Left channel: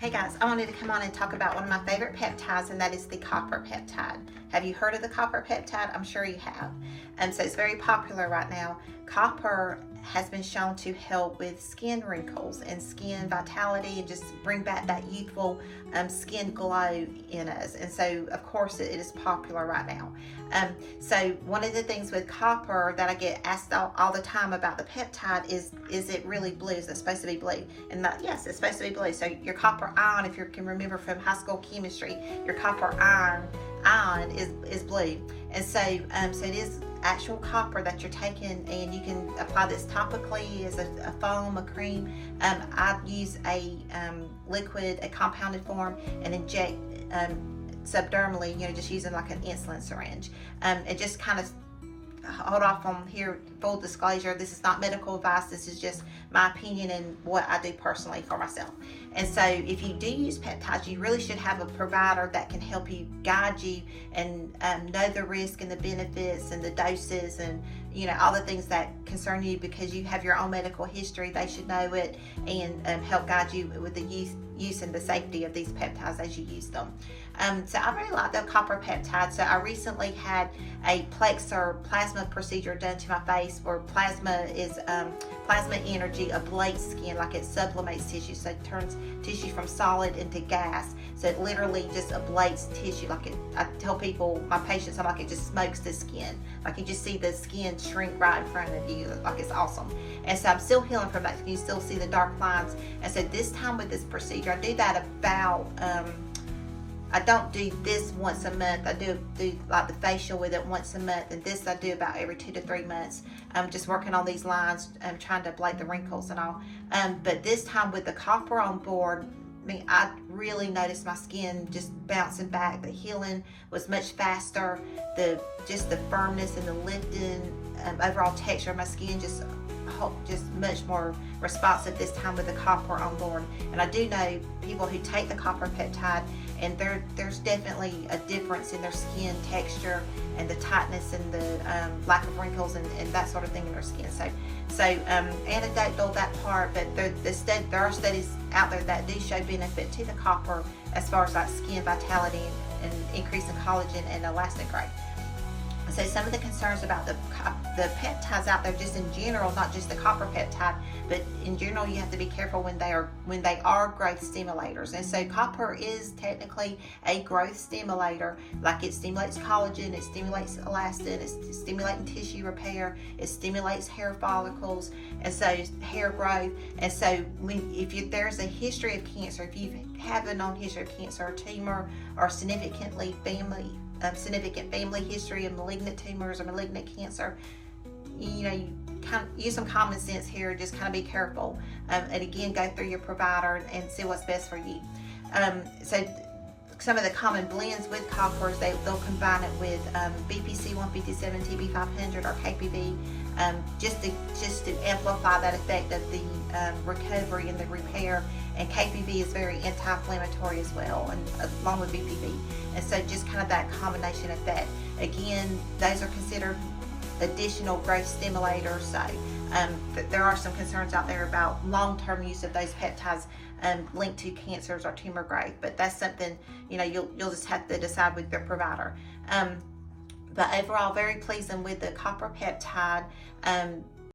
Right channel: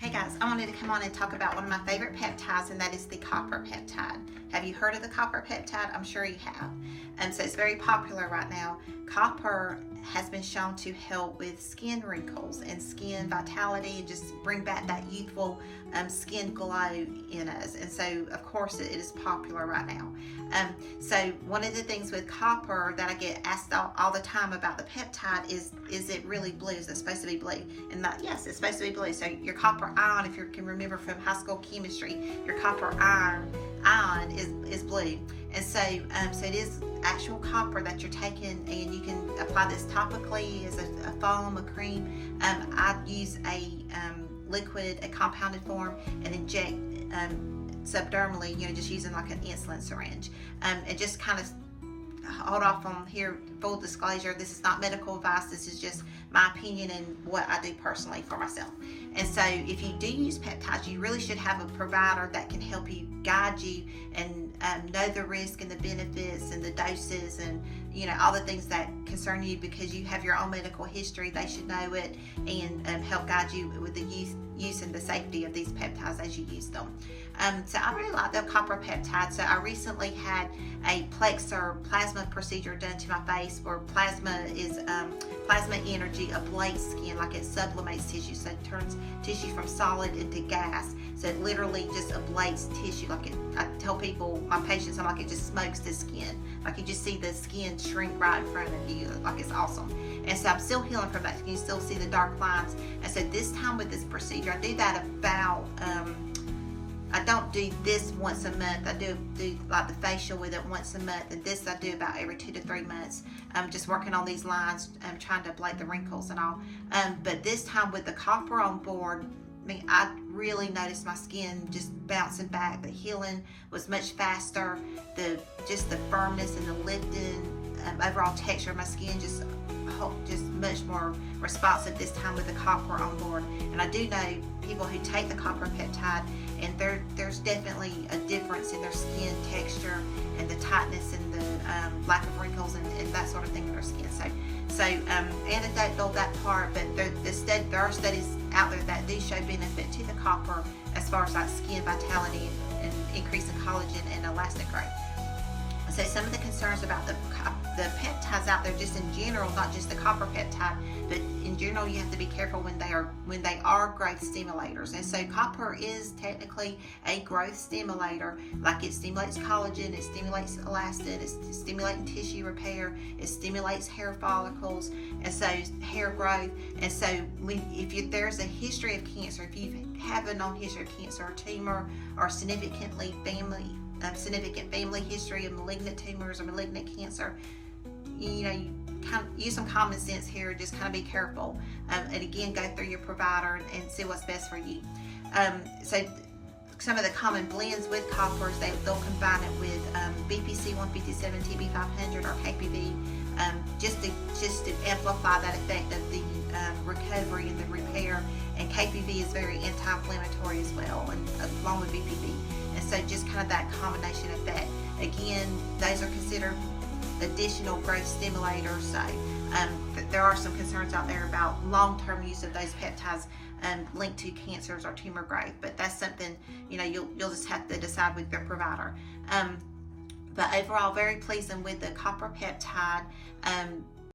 Hey guys, I wanted to come on and talk about one of my favorite peptides, and that is the copper peptide. Have you heard of the copper peptide? I'm sure you have. So it's very popular right now. Copper has been shown to help with skin wrinkles and skin vitality and just bring back that youthful skin glow in us. And so, of course, it is popular right now. So one of the things with copper that I get asked all the time about the peptide is it really blue? Is it supposed to be blue? And yes, it's supposed to be blue. So your copper ion, if you can remember from high school chemistry, your copper ion is blue. And so it is actual copper that you're taking, and you can apply this topically as a foam, a cream. I use a liquid, a compounded form, and inject subdermally, just using like an insulin syringe. And just kind of hold off on here, full disclosure, this is not medical advice, this is just my opinion and what I do personally for myself. And so if you do use peptides, you really should have a provider that can help you, guide you, and know the risk and the benefits and the doses and all the things that concern you, because you have your own medical history. They should know it and help guide you with the use and the safety of these peptides as you use them. So I really like the copper peptide. So I recently had a Plexer plasma procedure done to my face, where plasma is plasma energy ablates skin, like it sublimates tissue, so it turns tissue from solid into gas. So it literally just ablates tissue. I tell people, my patients, I'm like, it just smokes the skin. Like you just see the skin shrink right in front of you. Like it's awesome. And so I'm still healing from that. You can still see the dark lines. And so this time with this procedure, I do that about I don't do this once a month. I do like the facial with it once a month, and this I do about every 2 to 3 months. I'm just working on these lines, trying to ablate the wrinkles and all. But this time with the copper on board, I really noticed my skin just bouncing back. The healing was much faster. Just the firmness and the lifting, overall texture of my skin just much more responsive this time with the copper on board. And I do know people who take the copper peptide, and there's definitely a difference in their skin texture and the tightness and the lack of wrinkles and that sort of thing in their skin. So anecdotal that part, but there are studies out there that do show benefit to the copper as far as like skin vitality and increasing collagen and elastic growth. So some of the concerns about the peptides out there, just in general, not just the copper peptide, but in general, you have to be careful when they are growth stimulators. And so copper is technically a growth stimulator. Like it stimulates collagen, it stimulates elastin, it's stimulating tissue repair, it stimulates hair follicles, and so hair growth. And so if there's a history of cancer, if you have a known history of cancer or tumor or significant family history of malignant tumors or malignant cancer, you kind of use some common sense here. Just kind of be careful, and again, go through your provider and see what's best for you. So some of the common blends with coppers, they'll combine it with BPC 157, TB 500, or KPV, just to amplify that effect of the recovery and the repair. And KPV is very anti-inflammatory as well, and along with BPV. And so just kind of that combination effect. Again, those are considered additional growth stimulators. So there are some concerns out there about long-term use of those peptides linked to cancers or tumor growth, but that's something you'll just have to decide with your provider. But overall, very pleasing with the copper peptide.